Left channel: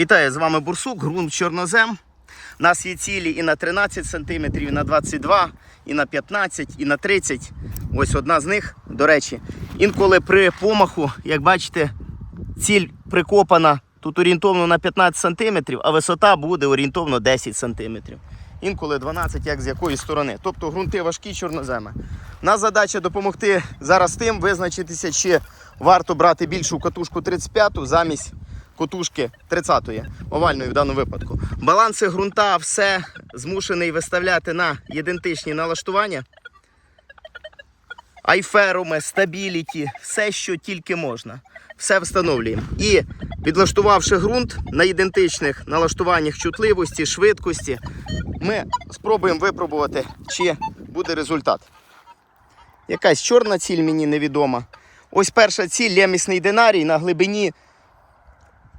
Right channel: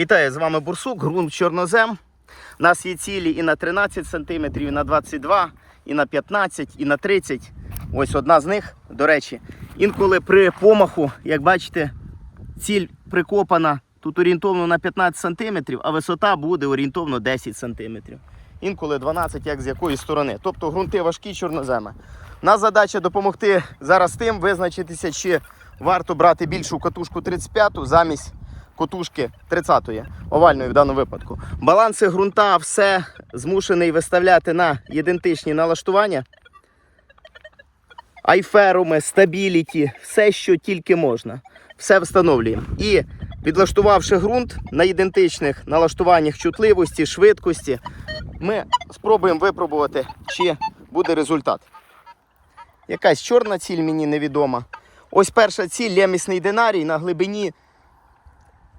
Вітаю, з вами Бурсук, ґрунт чорнозем. У нас є цілі і на 13 см, і на 22, і на 15, і на 30. Ось одна з них, до речі. Інколи при помаху, як бачите, ціль прикопана тут орієнтовно на 15 см, а висота буде орієнтовно 10 см. Інколи 12, як з якої сторони. Тобто ґрунти важкі чорноземи. Нас задача допомогти зараз тим визначитися, чи варто брати більшу катушку 35 замість котушки 30-ї, овальної в даному випадку. Баланси ґрунта, все змушений виставляти на ідентичні налаштування. Айферуми, стабіліті, все, що тільки можна. Все встановлюємо. І підлаштувавши ґрунт на ідентичних налаштуваннях чутливості, швидкості, ми спробуємо випробувати, чи буде результат. Якась чорна ціль мені невідома. Ось перша ціль лемісний динарій на глибині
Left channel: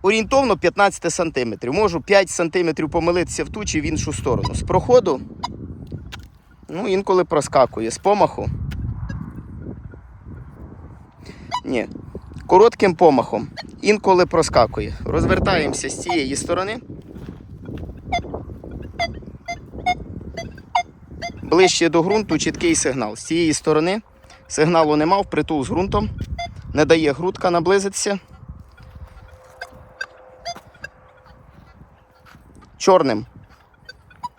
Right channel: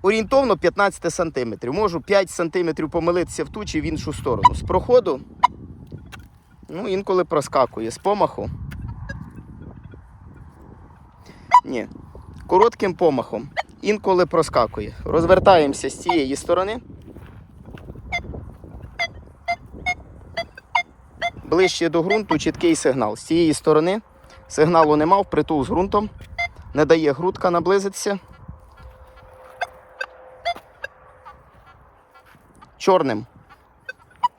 орієнтовно 15 см. Можу 5 см помилитися в ту чи в іншу сторону. З проходу, ну, інколи проскакує. З помаху. Ні. Коротким помахом. Інколи проскакує. Розвертаємося з цієї сторони. Ближче до ґрунту чіткий сигнал. З цієї сторони сигналу нема, впритул з ґрунтом. Не дає грудка наблизитися. Чорним.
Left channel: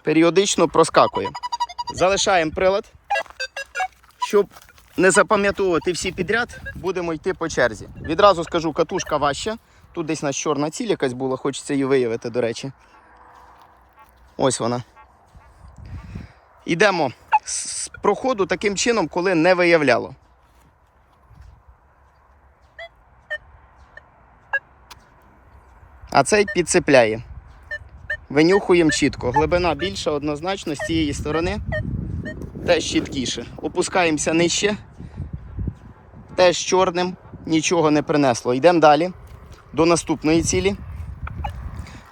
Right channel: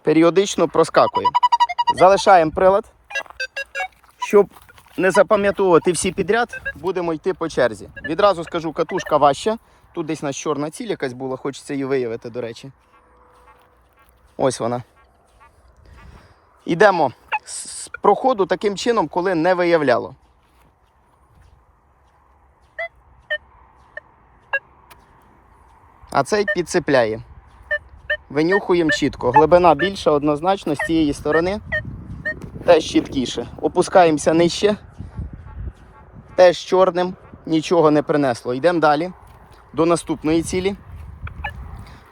Періодично проскакує. Залишаємо прилад. Щоб не запам'ятовувати всі підряд, будемо йти по черзі. Відразу скажу, катушка важча. Тут десь у чорна ціль якась була, хочеться її виявити, до речі. Ось вона. Йдемо з проходу таким чином, коли не виявляло. А цей підцепляє. Винюхуємо чітко. Глибина більша, однозначно з цієї сторони. Теж чіткіше. Опускаємося нижче. Теж чорним нічого не принесло. Йдемо далі до наступної цілі.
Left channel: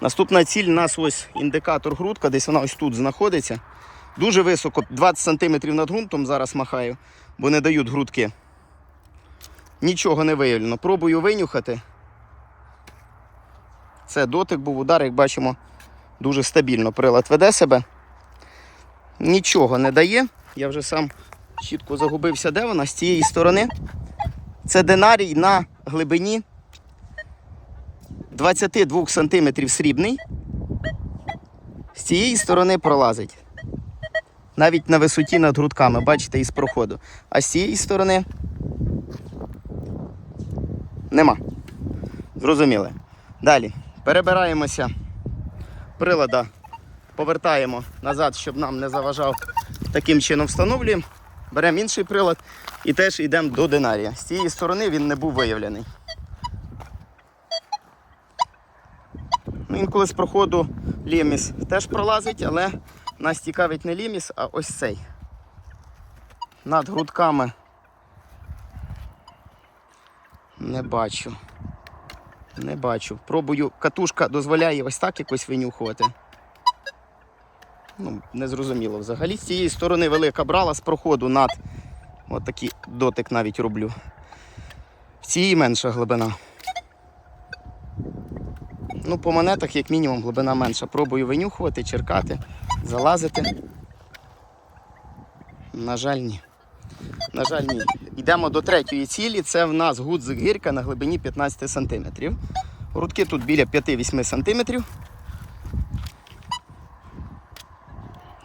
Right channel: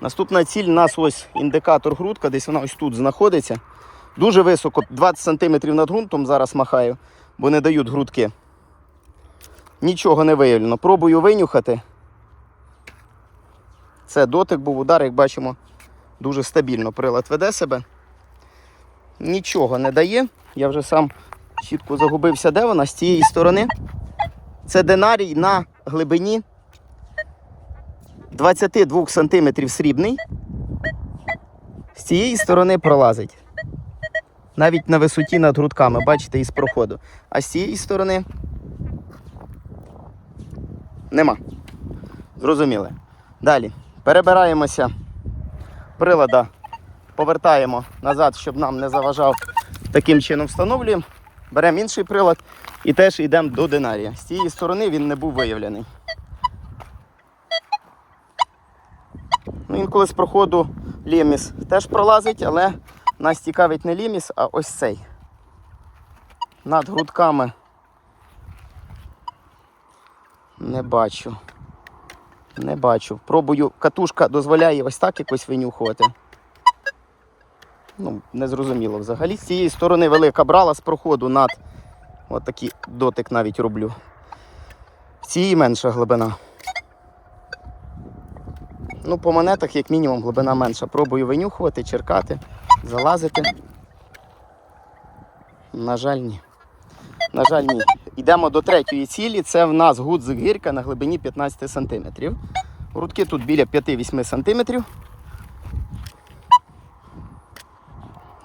Наступна ціль у нас ось індикатор грудка, десь вона ось тут знаходиться. Дуже високо, 20 см над ґрунтом зараз махаю, бо не дають грудки. Нічого не виявлено. Пробую винюхати. Це дотик був удар, як бачимо, дуже стабільно прилад веде себе. Нічого не дає. Я вже сам чітко загубився, де вона з цієї сторони. Це динарій на глибині 22 см срібний. З цієї сторони пролазить. Навіть на висоті над грудками, бачите, із проходу. А з цієї сторони нема. Зрозуміли. Далі перебираємося прилада, повертаємо назад, щоб нам не заважав. Таким чином встановлюємо. Беремо інший прилад і теж йдемо до динарія. З цієї сторони він не був виявлений. Ну, інколи з проходу ліміс теж пролазить, але нас цікавить не ліміс, а ось цей. Над грудками не бачу. Не бачу. Пробую. Катушка дозволяє ось так якось винюхувати. Ну, не зрозуміло взагалі. З цієї сторони велика брала з проходу над. От такий дотик навіть роблю. В цій менша глибина. Ну, по монетах, як мінімум, глибина менша. Пробую винюхувати, черкати, залазити. На жаль, ні. На жаль, ні. Йдемо до третьої цілі. Це в нас гудзик гірка на глибині 15 см. Грудки тут біля 5-8 см.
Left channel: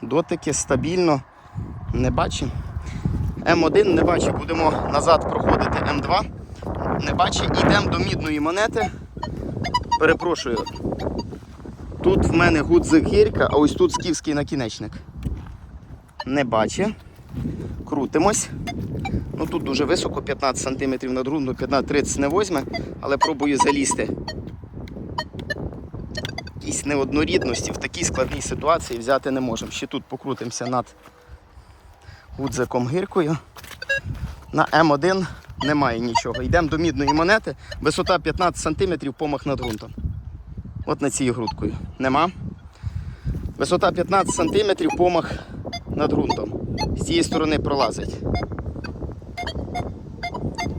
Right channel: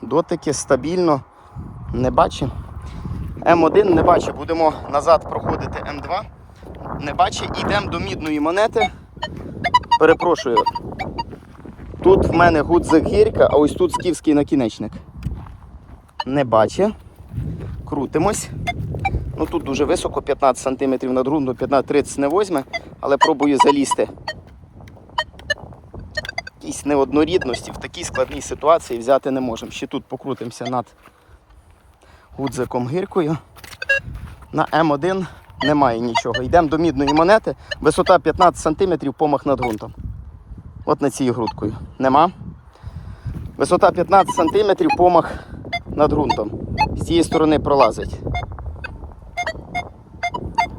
Дотики стабільно не бачу. М1 не бачу. Будемо назад проходити М2. Не бачу. Йдемо до мідної монети. Перепрошую. Тут в мене гудзик гірка, а ось тут скіфський накінечник. Не бачу. Крутимось. Ну Тут дуже високо, 15 см над ґрунтом, 15-30 не возьме, але пробую залізти. Якісь неоднорідності в такій складній ситуації взяти не можемо. Ще тут покрутимося над гудзиком гіркою. На М1 немає нічого. Йдемо до мідної монети. Висота 15 см, помах над ґрунтом. От на цій грудкою. Нема. Висота 15 см, помах над ґрунтом. З цієї сторони пролазить.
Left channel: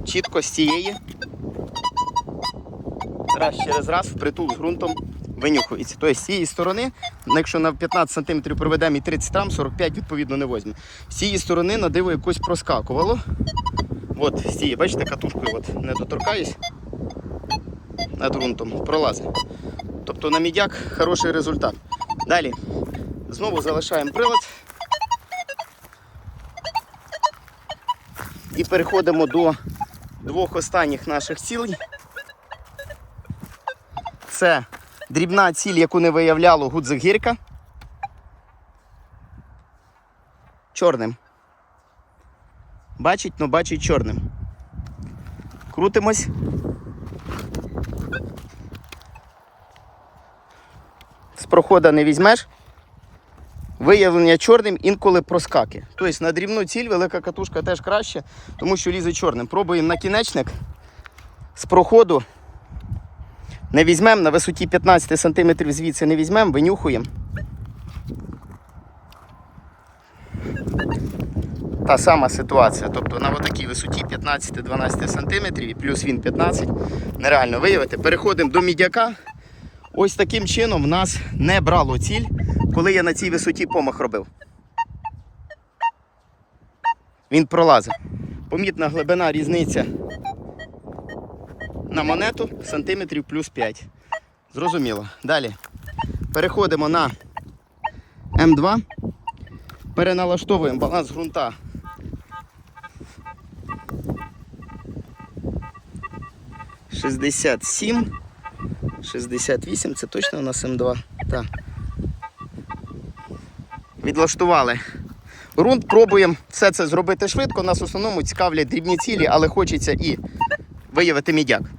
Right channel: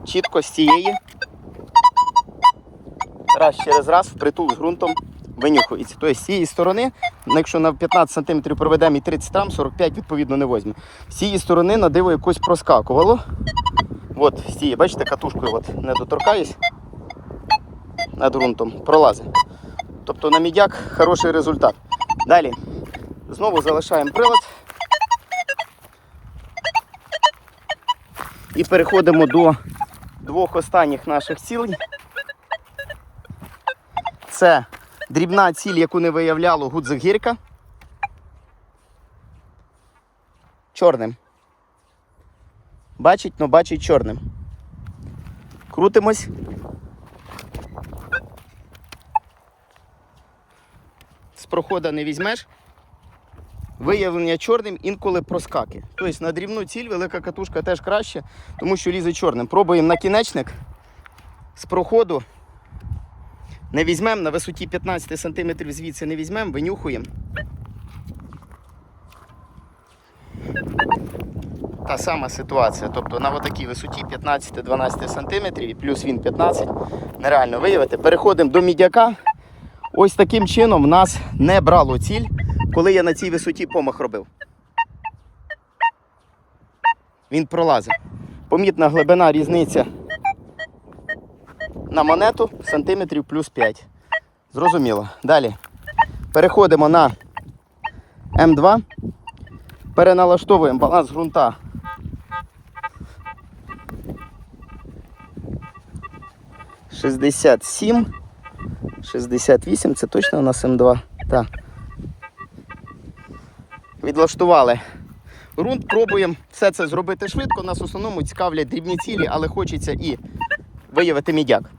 Чітко з цієї. Раз через раз, впритул з ґрунтом винюхується. Тобто з цієї сторони, ну, якщо на 15 см проведемо і 30 там, 45 відповідно не візьме. З цієї сторони на диво якось проскакувало. От, з цієї, бачите, катушкою от, не доторкаюсь над ґрунтом, пролазить. Тобто на мідяк хороший результат. Далі знову залишаємо прилад. І переходимо до двох останніх наших цілей. Це дрібна ціль, яку не виявляло гудзик гірка. Чорним. Бачить, но бачить чорним. Крутимось. З прохода не візьмеш. Виявлення чорним інколи проскаки. Тобто на дрібну ціль велика катушка теж краще, тому що лізе чорним. Пробуємо накінечник з проходу. Не візьмемо на висоті 15 см звідси не візьмемо, винюхуємо. Та сама ситуація. Тобто на отакій висоті 15-12 см і плюс він 15 нереально виявити. Переходимо до мідяка. Ось таким чином в нас не брало ціль, коли я на цій висоті помах робив. Він пролазив. Помітна глибина різниця на монету сантиметрів плюс 5. Зрозуміло. Далі. Переходимо на М2. Переналаштовуємо баланс ґрунта. Шістдесят сім. 68, це точно у нас М2. Так. Відлаштували. Грунт пробуємо все це зробити швидко. Нас в основному цікавлять дрібні цілі, але хочеться і виявити мідяк.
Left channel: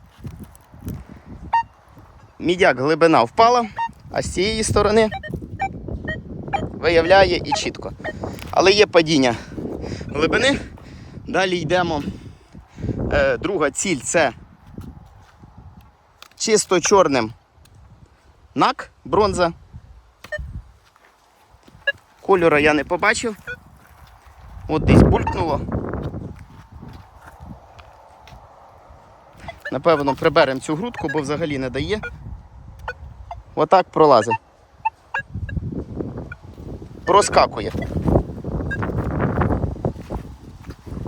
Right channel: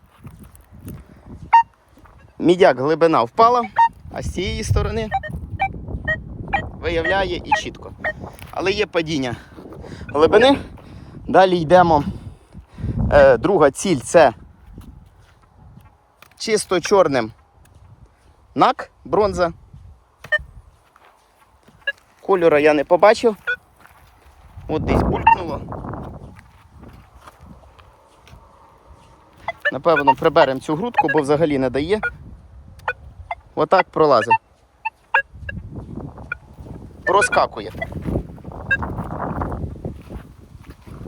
Мідяк глибина впала, а з цієї сторони виявляє і чітко. Але є падіння глибини. Далі йдемо. Е, друга ціль це чисто чорним нак, бронза. Кольора я не побачив. От десь булькнуло. Напевно, приберемо цю грудку, бо взагалі не дає. Отак пролазив. Проскакує.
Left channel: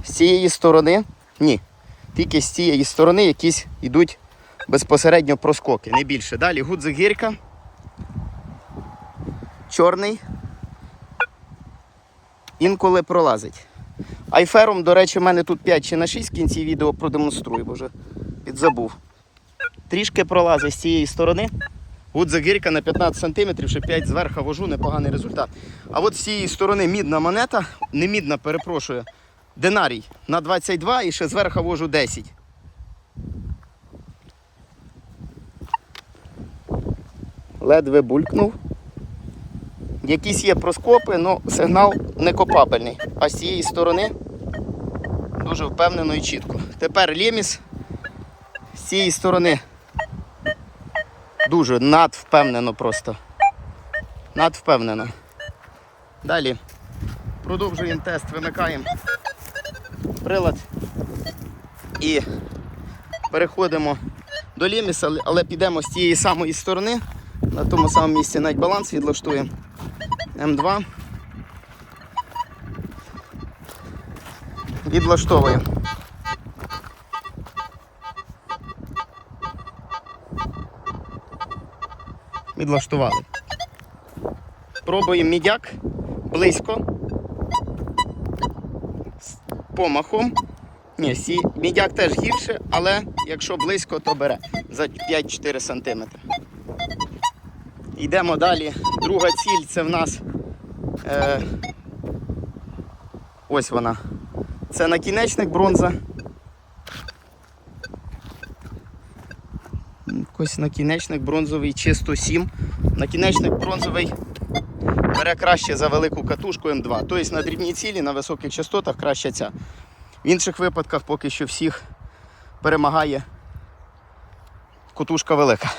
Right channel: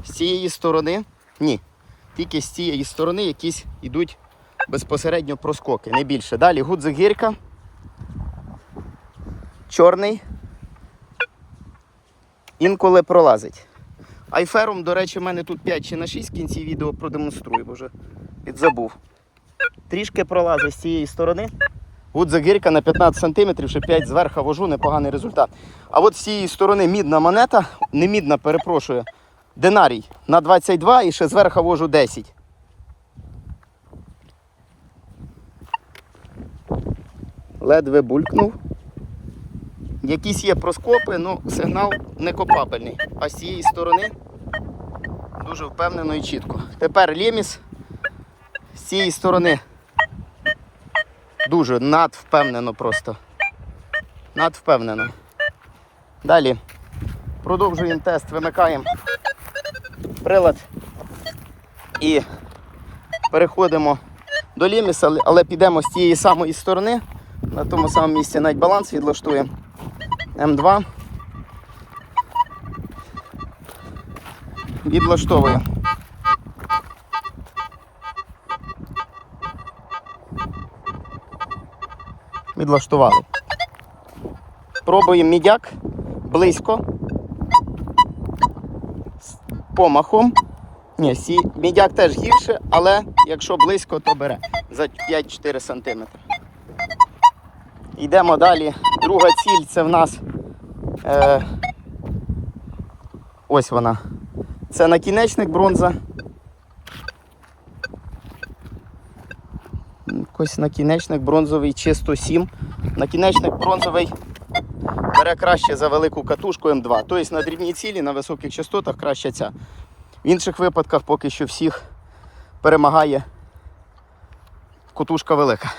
З цієї сторони ні. Тільки з цієї сторони якісь йдуть безпосередньо проскоки, не більше. Далі гудзик гірка. Чорний. Інколи пролазить. Айфером, до речі, в мене тут 5 чи на 6 в кінці відео продемонструю, бо вже підзабув. Трішки пролазить з цієї сторони. Гудзик гірка на 15 см, ще 5 зверху вожу, непоганий результат. А от з цієї сторони мідна монета, не мідна, перепрошую, динарій на 22 і ще зверху вожу 10. ледве булькнув. Якісь є проскопи, але сигнал не копабельний. А з цієї сторони дуже впевнено і чітко. Тепер леміс з цієї сторони дуже надвпевнено просто. Надвпевнено. Далі продовжуємо тест, вимикаємо прилад і переходимо до леміса, але- підемо з тієї самої сторони. На тому самому місці навіть баланс відлаштуємо. М2. Відлаштовуємо. Відлаштували. Пробуємо мідяк близько. З помахом. Ні, сі, мідяк теж гірше, але якщо близько, то бере за 5-4 см. Йдемо далі. Друга ціль це в нас е, ось вона. Це накінечник бронза. Ось накінечник бронзовий чисто 7. Накінечник бронзовий бере краще за велику катушку М2. Тобто на дрібній цілі, на високих частотах краще ця. В інших випадках поки що всіх перемагає катушка велика.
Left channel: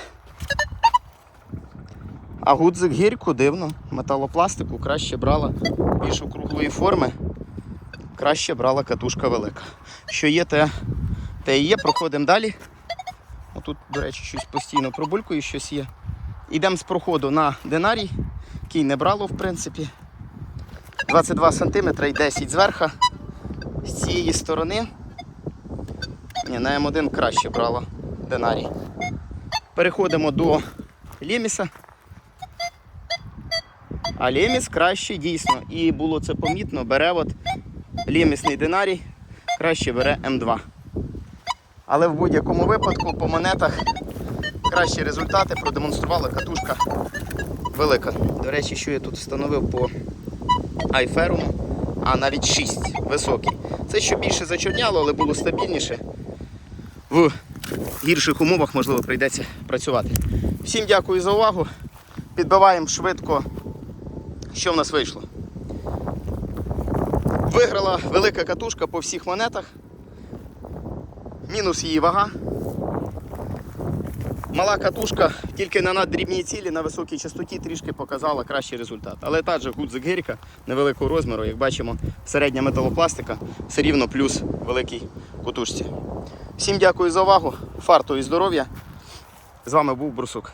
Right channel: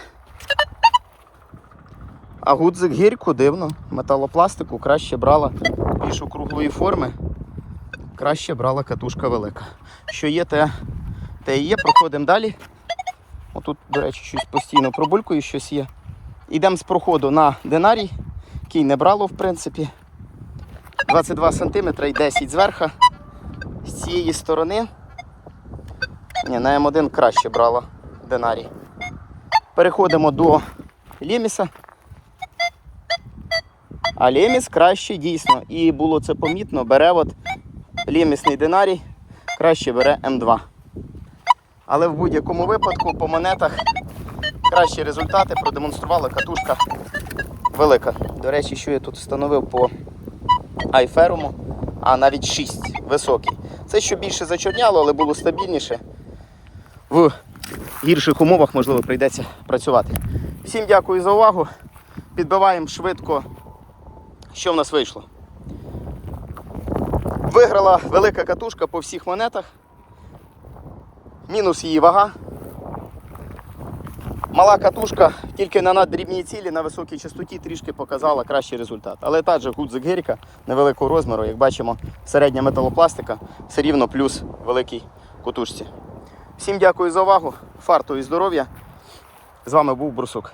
А гудзик гірку дивно, металопластику краще брала більш округлої форми, краще брала катушка велика. Що є, те, те і є. Проходимо далі. Отут, до речі, щось постійно пробулькою щось є. Йдемо з проходу на динарій, який не брало, в принципі. 22 см і 10 зверху. З цієї сторони. Ні, на М1 краще брала динарій. Переходимо до ліміса. А ліміс краще дійсно. І було це помітно, бере от лімісний динарій, краще бере М2. Але в будь-якому випадку по монетах кращі результати продемонструвала катушка велика. До речі, що я тут встановив по айферуму, а навіть 6 високий. Це що більше зачорняло, але було стабільніше. В гірших умовах, можливо, прийдеться працювати. Всім дякую за увагу. Підбиваємо швидко, що в нас вийшло. Виграла велика катушка по всіх монетах. Мінус її вага. Мала катушка тільки на наддрібній цілі на високій частоті трішки показала кращий результат. Але та же гудзик гірка невеликого розміру, як бачимо, середня металопластика все рівно плюс великій катушці. Всім дякую за увагу, фарту і здоров'я. З вами був Брусук.